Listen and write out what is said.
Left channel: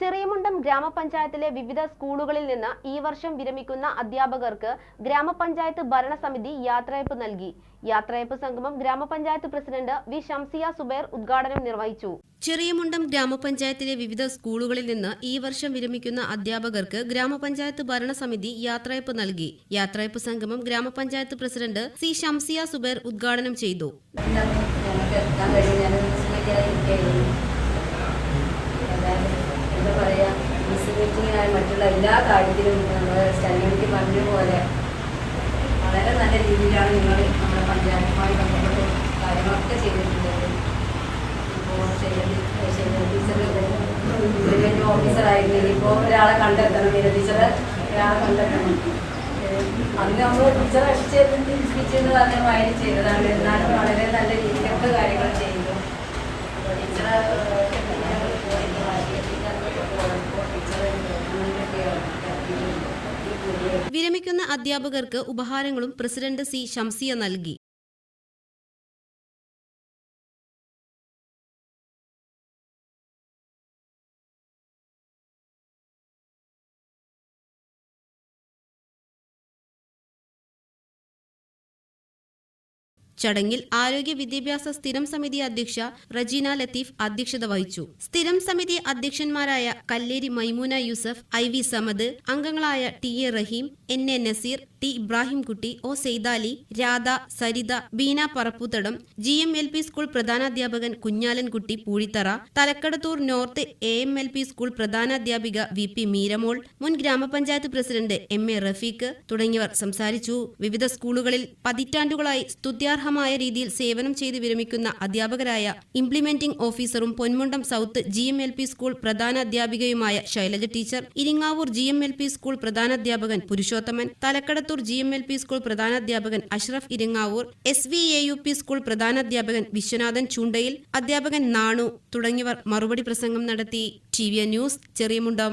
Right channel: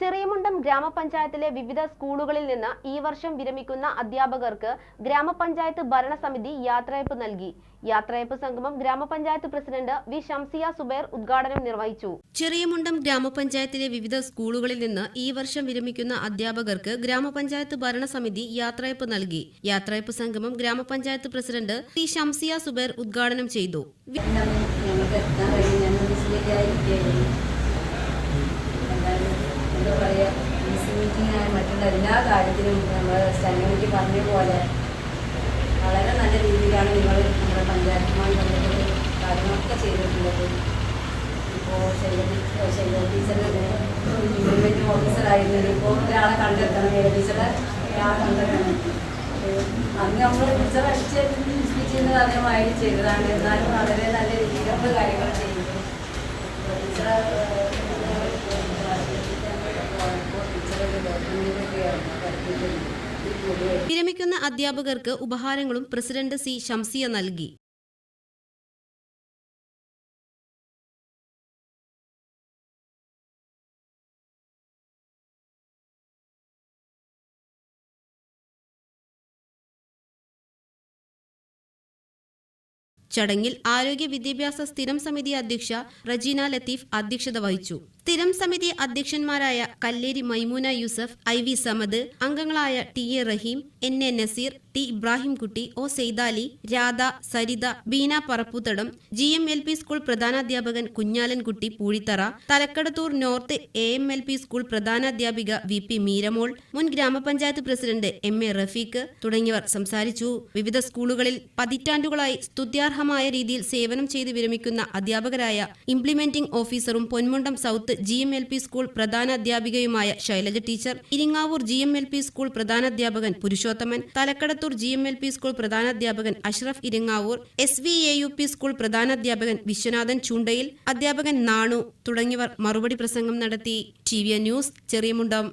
Cheriyamundam ഗ്രാമപഞ്ചായത്തിലെ വിവിധ സ്കൂളുകളിൽ നിന്ന് ഈ വർഷം വിരമിക്കുന്ന അധ്യാപകർക്ക് ഗ്രാമപഞ്ചായത്ത് ഭരണസമിതി യാത്രയപ്പ് നൽകി യാത്രയപ്പ് സംഗമം ഗ്രാമപഞ്ചായത്ത് പ്രസിഡന്റ് വി ഷംസിയ സുബൈർ ഉദ്ഘാടനം നിർവഹിച്ചു ചെറിയമുണ്ടം ഗ്രാമപഞ്ചായത്തിലെ വിവിധ സ്കൂളുകളിൽ നിന്ന് ഈ വർഷം വിരമിക്കുന്ന അധ്യാപകർക്ക് ഗ്രാമപഞ്ചായത്ത് ഭരണസമിതി യാത്രയപ്പ് നൽകി യാത്രയപ്പ് സംഗമം ഗ്രാമപഞ്ചായത്ത് പ്രസിഡന്റ് വി ഷംസിയ സുബൈർ ഉദ്ഘാടനം ചെയ്തു എല്ലാ കാര്യത്തിലും നമ്മൾ സ്റ്റനോമിറ്റി പറഞ്ഞ പോലെ വളരെ നല്ല രീതിയിലാണ് നിങ്ങൾ നമ്മുടെ പഞ്ചായത്തുമായി ബന്ധപ്പെട്ട് കാര്യങ്ങളൊക്കെ ചെയ്തിട്ടുള്ളത്. ഇപ്പോൾ ശൈല ടീച്ചർ ഇംപ്ലിമെന്റ് ഓഫീസറായിരുന്നു ഇനിയിപ്പോൾ ഒരാളെ കണ്ടെത്തണം. ശൈല ടീച്ചറെ? ഒരാളെ കണ്ടെത്തണം. അന്ന് നമ്മൾ ടീച്ചർ രക്ഷിച്ച് സ്പീച്ച് അദ്ദേഹമായി ചെയ്തതാണ്. എന്നാലും വളരെ നല്ല രീതിയിലുള്ള കാര്യങ്ങൾ ചെയ്തു ടീച്ചറെ ടീച്ചർ വിരമിക്കുന്ന അധ്യാപകർക്ക് ഉപഹാരങ്ങളും പ്രസിഡന്റ് സി. ഷംസിയ നൽകി. ചടങ്ങിൽ ആരോഗ്യ വിദ്യാഭ്യാസ സ്ഥിരം സമിതി അധ്യക്ഷ റജീന ലത്തീഫ് അധ്യക്ഷത വഹിച്ചു. സ്ഥിരം സമിതി അധ്യക്ഷന്മാരായ കല്ലേരി മൈമുന യൂസഫ് ഐ വി സമദ് അംഗങ്ങളായ T A Raheem N A Naseer T Ibrahimkutty O Saithali Radha Saritha Beena Parapputhadam G M L P school പ്രധാനാധ്യാപകൻ Kunhalankutty Poozhithara Thalakkadathur north A M L P school പ്രധാനാധ്യാപിക V P Meeramol മുൻ ഗ്രാമപഞ്ചായത്ത് president M A Rafeeq തുടങ്ങിയവർ സംസാരിച്ചു. വിവിധ സ്കൂളുകളിൽ പതിറ്റാണ്ടുകളായി സ്തുത്യാർഹമായ രീതിയിൽ സേവനം ചെയ്ത് വിരമിക്കുന്ന അധ്യാപകരായ ഇംപ്ലിമെന്റിംഗ് ഓഫീസറും Ponmundam south G M L P school പ്രധാന അധ്യാപികയുമായ Shailaja teacher Iringavoor G M L P school പ്രധാന അധ്യാപകൻ Purushothaman Thalakkadathur G M L P school പ്രധാന അധ്യാപകൻ Ashraf Iringavoor S B A U P school പ്രധാന അധ്യാപകൻ വിശ്വനാഥൻ ചുണ്ടയിൽ അധ്യാപകൻ നാണു തുടങ്ങിയവർ മറുപടി പ്രസംഗം നടത്തി. T A news Cheriyamundam